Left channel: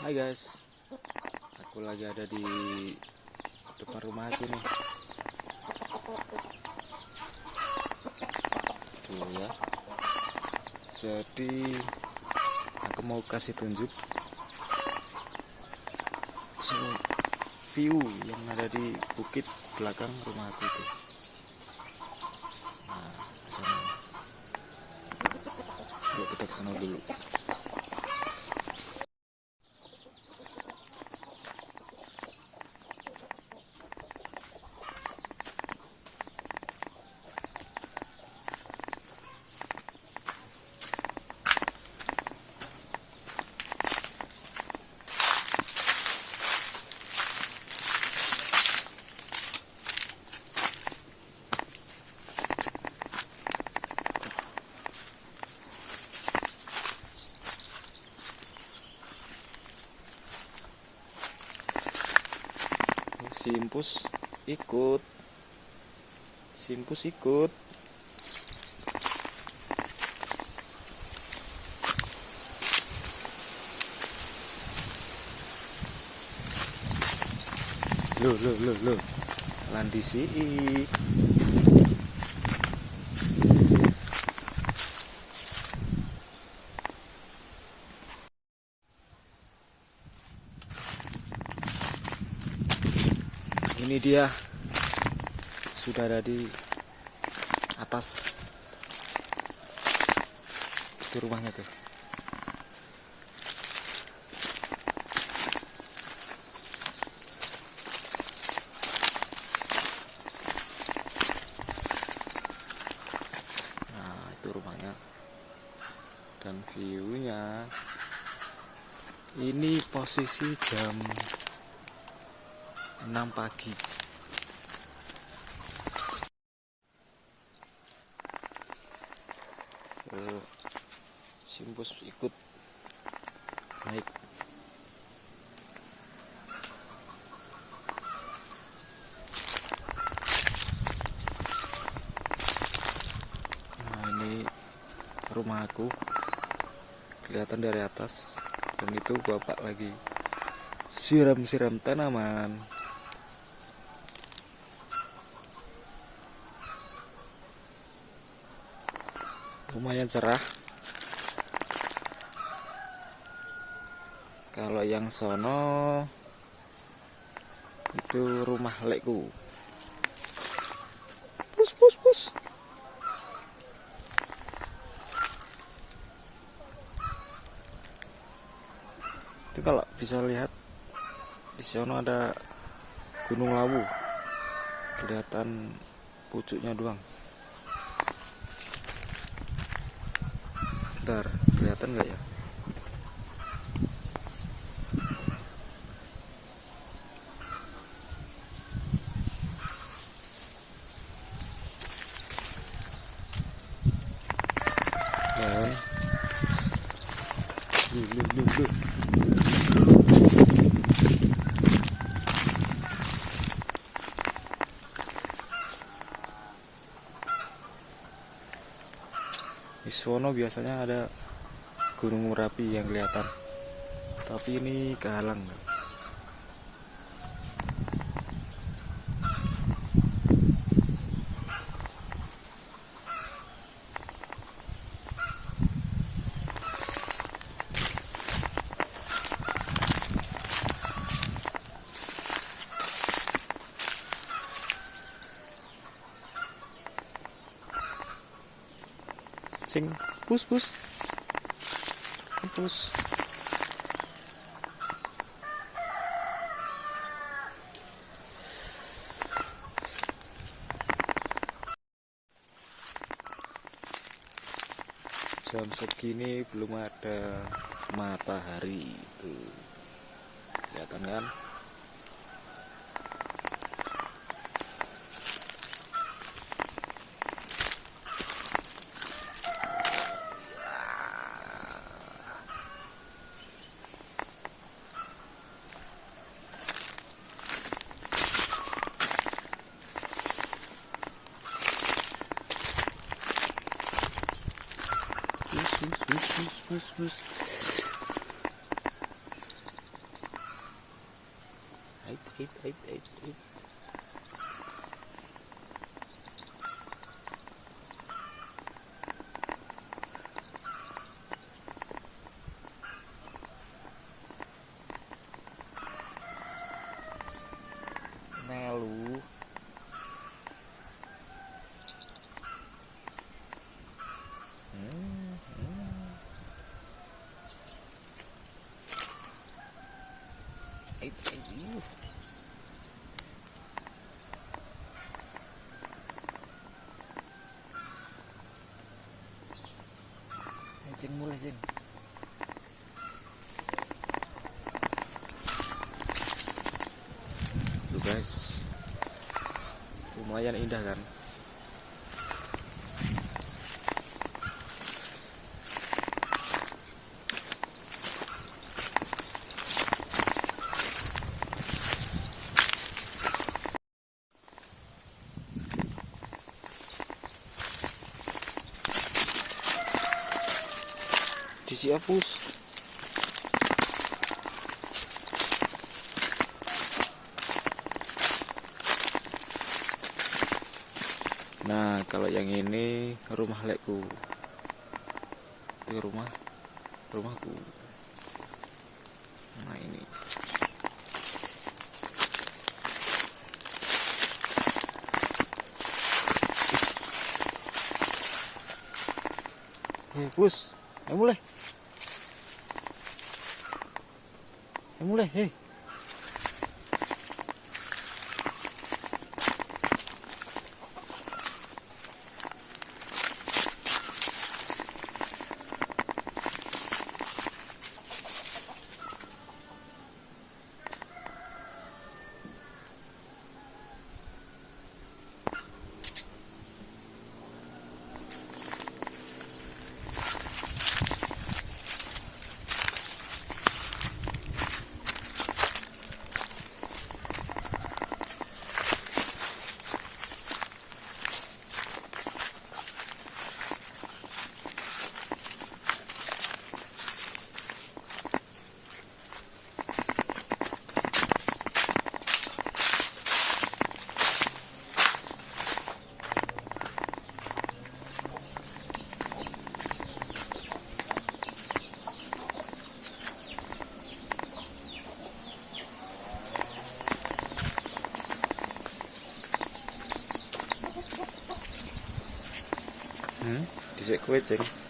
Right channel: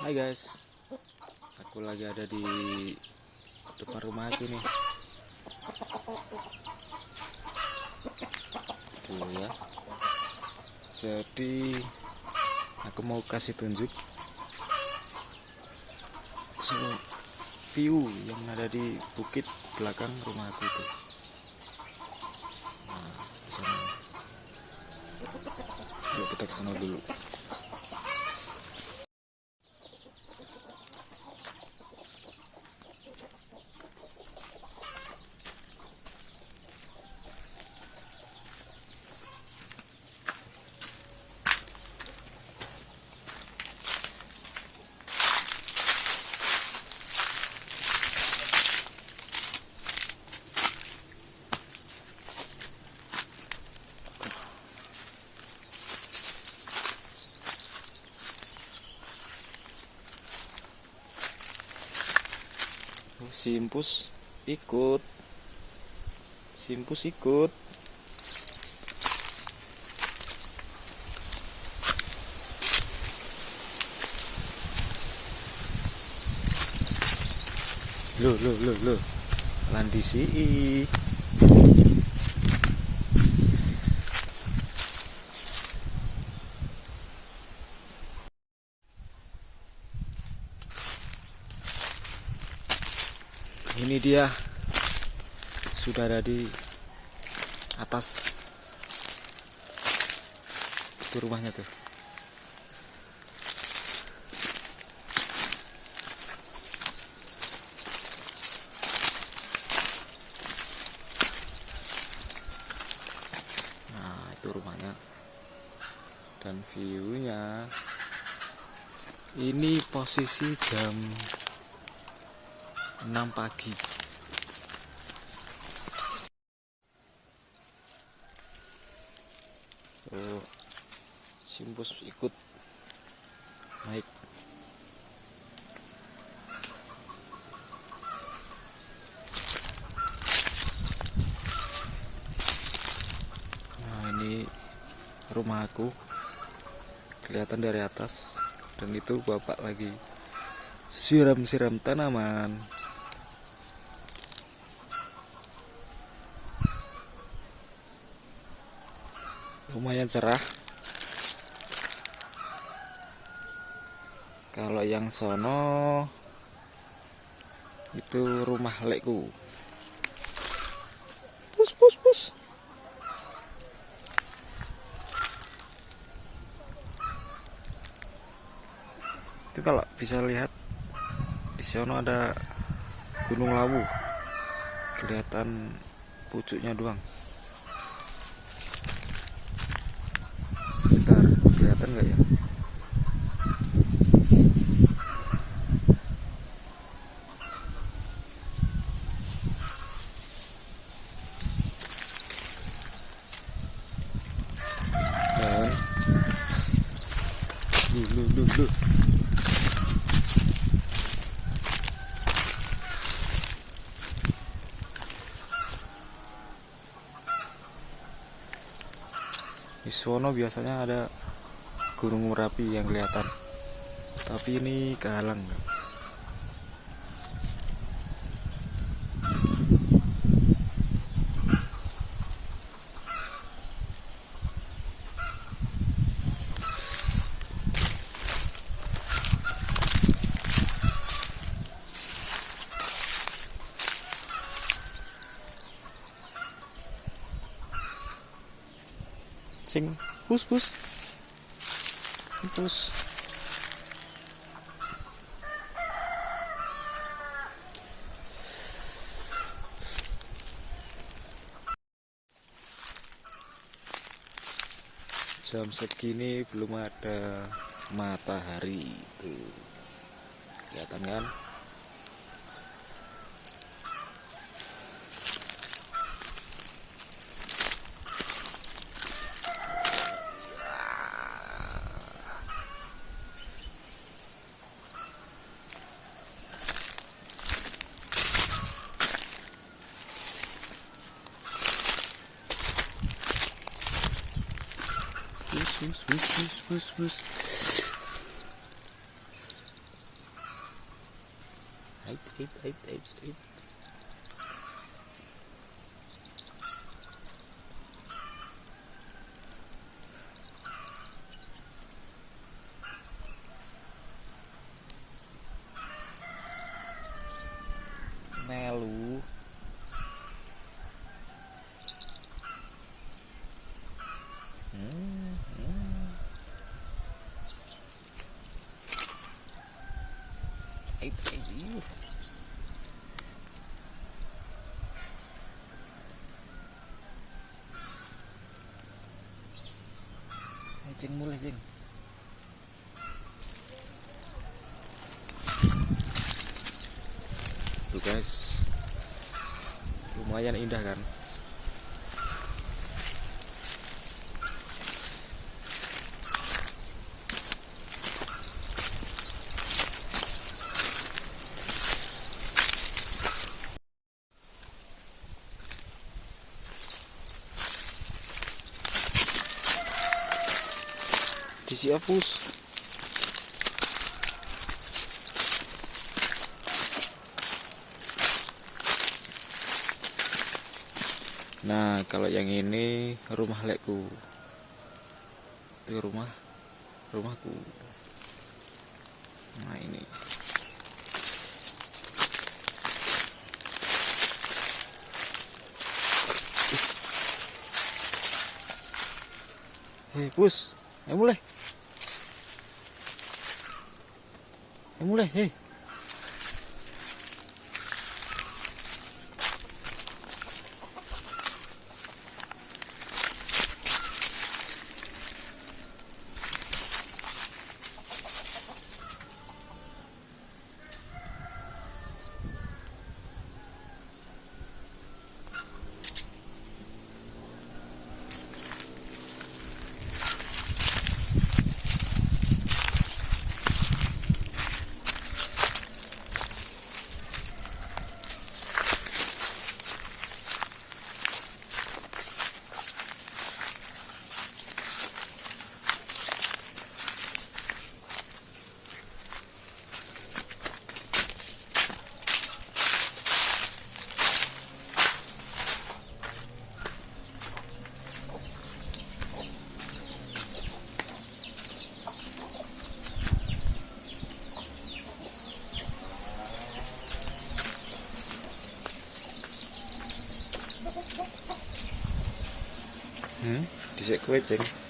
Hai guys, aku lagi ada di depan rumah aku nih. Tuh ya. Jadi aku mau kasih tunjuk view yang ada di bukit belakang rumah aku itu. Nah, di sana. Yuk kita ke sana dulu. Simpus ikut. Loh. Landisi. Ini dia sudah ada di atas itu rumahnya tuh. Nah, itu rumahnya dan view-nya. Ini posisi jam 6 pagi. Oh, Simpus ikut naik. Nah, ini rumah aku kelihatan dari atas, dan itu bapak lagi siram-siram tanaman. Lumayan cerah. Kalau yang sono itu rumah lekku. Pus. Itu kalau bisa lihat di sono ada Gunung Lawu. Kelihatan pucuknya doang. Bentar, kelihatan nggak ya? Dan lu. Di sono biasanya ada Gunung Merapi yang kelihatan, tapi ini kehalang. Cing, pus. Jam segini belum ada matahari tuh. Kelihatan kan? Bus. Ait. Melu. Ait. Jeng mulai jeng. Tuh guys, lumayan indah kan. Disiapus. Nah, kalau yang ini rumah lekku. Itu rumahku. Nah, ini. Pus, ayo mulai. Dhisik kowe, Ceng.